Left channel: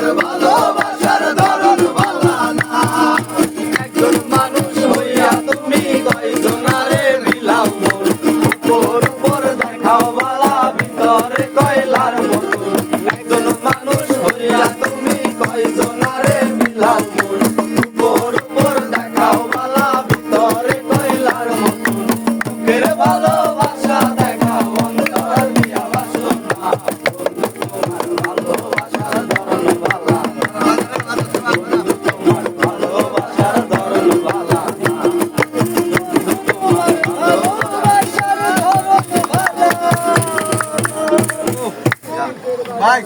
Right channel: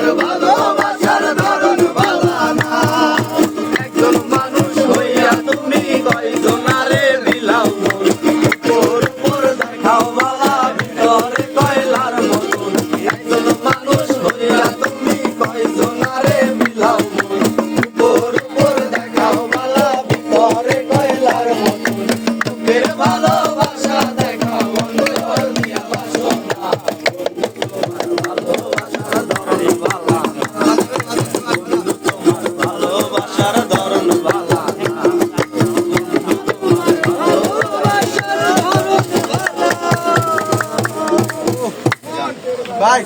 তোমার ভালোবাসার ধরন ভালো না। একজন মানুষ হইয়া তুমি কয়জনারে বিলাও মন, তোর উপর দেখাও বালা ভিতরে কয়লার মতন। একজন মানুষ হইয়া তুমি কয়জনারে বিলাও মন, তোর উপর দেখাও বালা ভিতরে কয়লার মতন। বুকের ভালোবাসা দেখাও অন্তর দিয়া বাসো না, বন্ধু তোমার ভালোবাসার ধরন ভালো না। বন্ধু তোমার ভালোবাসার ধরন ভালো না। বন্ধু তোমার ভালোবাসার ধরন ভালো না। ভাই